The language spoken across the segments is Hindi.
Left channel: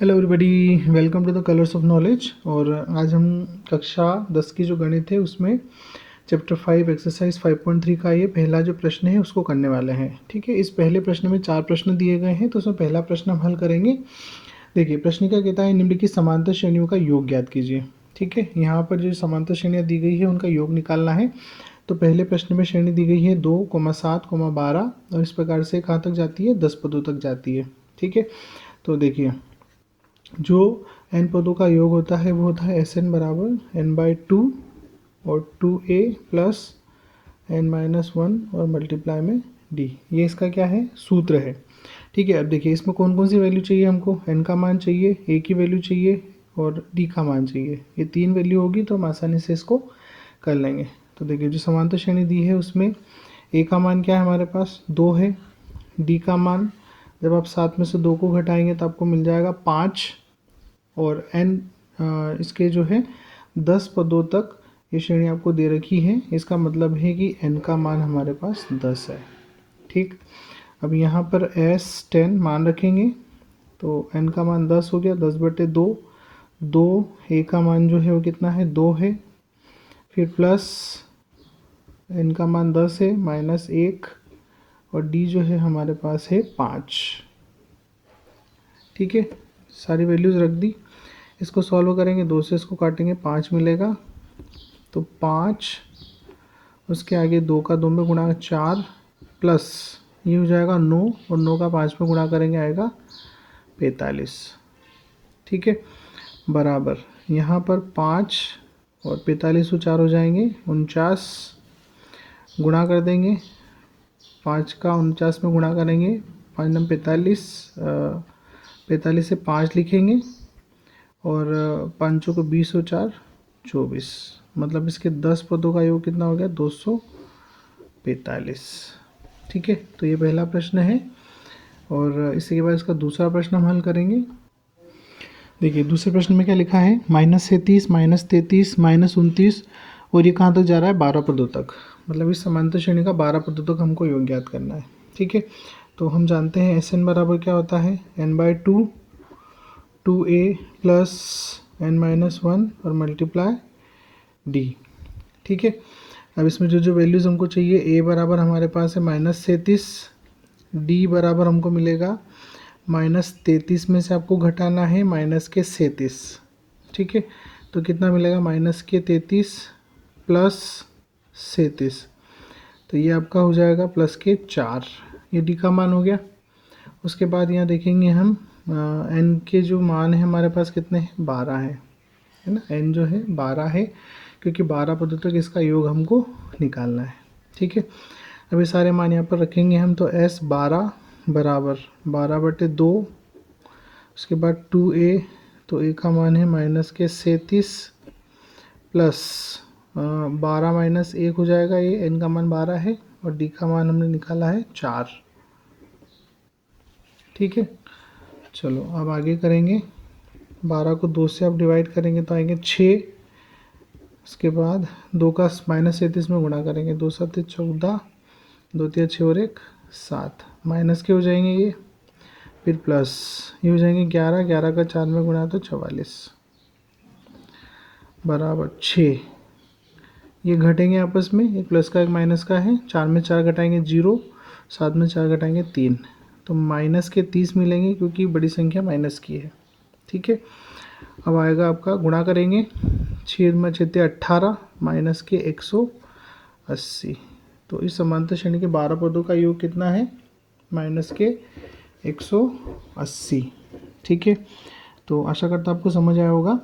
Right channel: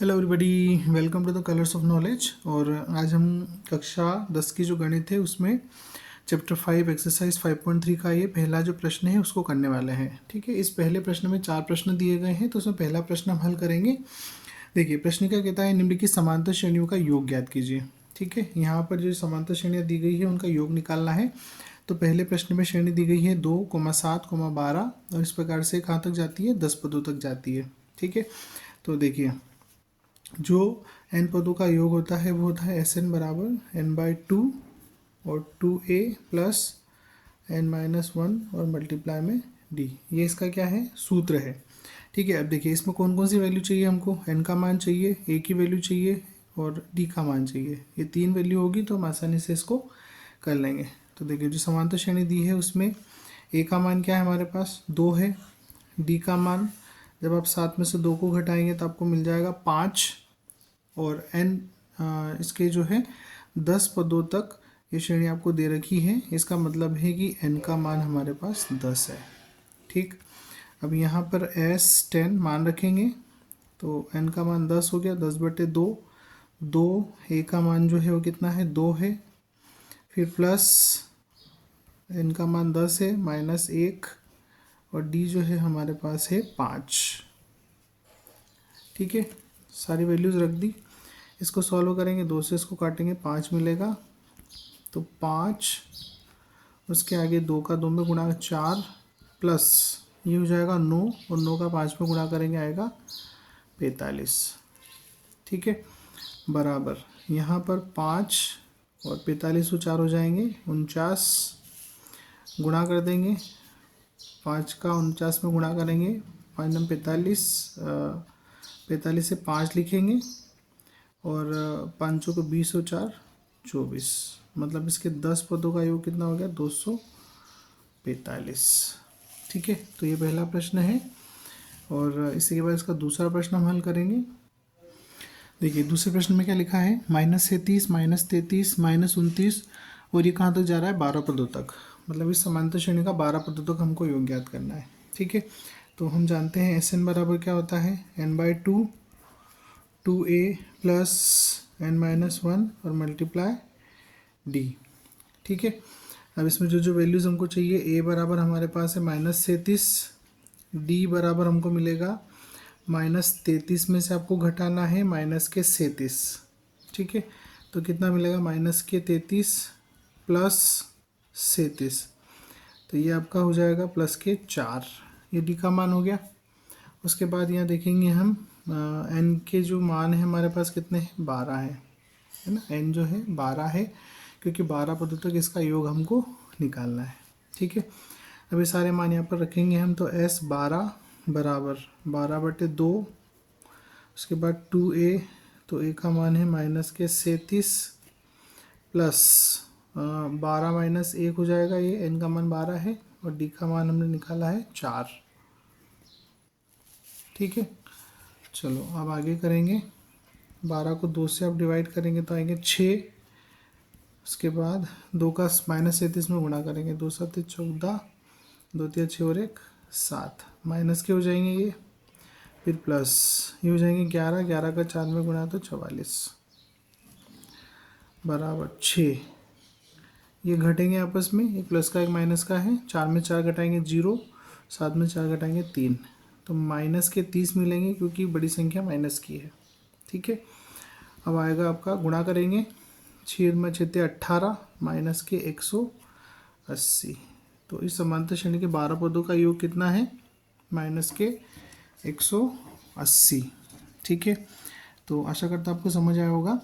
Hello everybody, welcome to the colours of knowledge. और आज हम कक्षा 10 की जो गणित है उसमें चैप्टर 5 एक्सरसाइज 5.3 का ये पहला जो प्रश्न है उसको करने वाले हैं। ठीक है, इस पहले प्रश्न में 4 प्रश्न दिए गए हैं, तो उसमें पहला प्रश्न हम हल करेंगे। देखिए, प्रश्न क्या कहता है, निम्नलिखित समांतर श्रेणियों का योग ज्ञात कीजिए। ठीक है, यहाँ पर जो समांतर श्रेणियाँ दी गई है उनका योग निकालना है। तो पहले प्रश्न में श्रेणी दी गई है 2, 7, 12 और इस प्रकार से कहाँ तक जाती है, 10 पदों तक जाती है। ठीक है, तो देखिए जो n पदों का योग होता है वो होता है Sn बराबर n/2 और 2a प्लस n-1 और मल्टीप्लाई में d। ये इसका क्या है, सूत्र है। ठीक है, अब देखिए इसमें कौन कौन सी वैल्यू चाहिए हमको, n का मान चाहिए, a की वैल्यू चाहिए और d का मान चाहिए। ये 3 वैल्यू होगी तो हम आसानी से इसको कर लेंगे। तो देखिए जो समांतर श्रेणी दी है उसमें a का मान क्या है, हमारे पास 2 है। d का मान जब आप 7 में से 2 को घटाएंगे तो आपको मिल जाएगा 5 और n इसके जो है 10 पदों तक ये श्रेणी आपको दे रखी है। इसका मतलब है कि n का मान हमारे पास 10 है। ठीक, अब यहाँ पर S10 मान रखेंगे तो n का मान 10 हो गया, 10/2। 2 a का मान जो है वो कितना है, 2 है। फिर प्लस n का मान 10 है, -1 और d जो है हमारे पास है 5। ठीक है, सारी वैल्यूज़ रख दी। इसको सॉल्व करेंगे, 2 से इसको काटेंगे, 5 मिलेगा। तो 5 उसके आगे 2 का 2 में गुणा 4 प्लस ये हो जाएगा 9 और 9 का 5 में गुणा करेंगे आएगा 45। ठीक है, बराबर यहाँ पर 5 और 45 को 4 हो जाएंगे 49। गुणा कर देंगे, 5 का 49 में गुणा करेंगे, 5 9 45, 45 से 5 लिखेंगे और 5 को 20 और 4 24। मतलब इसके 10 पदों का योग कितना हो गया, 245। ठीक है, तो ये पहला प्रश्न है। और इसी के बाद इसका दूसरा प्रश्न हम हल करेंगे। देखिए दूसरे प्रश्न में क्या लिखा है, -37, -33, -29 और ये कहाँ तक जा रहा है, 12 पदों तक। मतलब इस समांतर श्रेणी का 12 पदों तक हमको योग ज्ञात करना है। ठीक है, तो हम जानते हैं Sn बराबर क्या होता है, n/2 2a प्लस n-1 और मल्टीप्लाई d। ठीक है, अब इसमें जो जो वैल्यूज़ हमको चाहिए, a बराबर हमारे पास है -37, d बराबर हमको मिलेगा -33 में से आपको घटाना है -37। ठीक है, तो कितना मिलेगा, -33 प्लस 37, तो ये आपका हो जाएगा +4। ये d का मान हो गया। उसके बाद यहाँ देखेंगे हम n के जो मान है हमारे पास कितने हैं, 12 है ना। n जो है 12 है क्योंकि 12 पदों तक इसका योग हमको निकालना है। ठीक है, अब ये सारे मान यहाँ पर रखेंगे हम। तो S12 बराबर 12/2, उसके बाद 2a, तो a का मान है -37 प्लस 12 - 1 हो जाएगा, ये n का मान 12 है और d का मान हमने निकाला है 4। ठीक है, चलो अब आगे करेंगे। 12 को 2 से आप डिवाइड करेंगे तो आएंगे 6। उसके बाद 2 का -37 में गुणा करेंगे, 2 7 14, 2 3 6 और 1 7, माइनस के हो जाएंगे ये, फिर प्लस ये हो जाएंगे 11, 11 का 4 में गुणा तो 44 बराबर 6। ये घटेंगे आपस में, एक प्लस का एक माइनस का है, 4 में 4 घटाएंगे 0, 7 में 4 घटाएंगे 3, तो -30 मिलेंगे क्योंकि बड़ी संख्या माइनस की है। ठीक है, अब आएगा आपका, गुणा करेंगे, 6 में 6 18 -180। तो इस समांतर श्रेणी के 12 पदों का योग कितना है, -180। ठीक है, तो आशा करता आपको समझ आया होगा।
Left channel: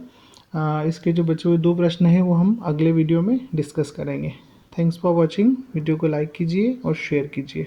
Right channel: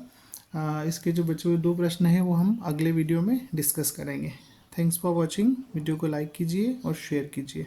इसके जो बचे हुए 2 प्रश्न हैं वो हम अगले वीडियो में डिस्कस करेंगे। Thanks for watching. वीडियो को लाइक कीजिए और शेयर कीजिए।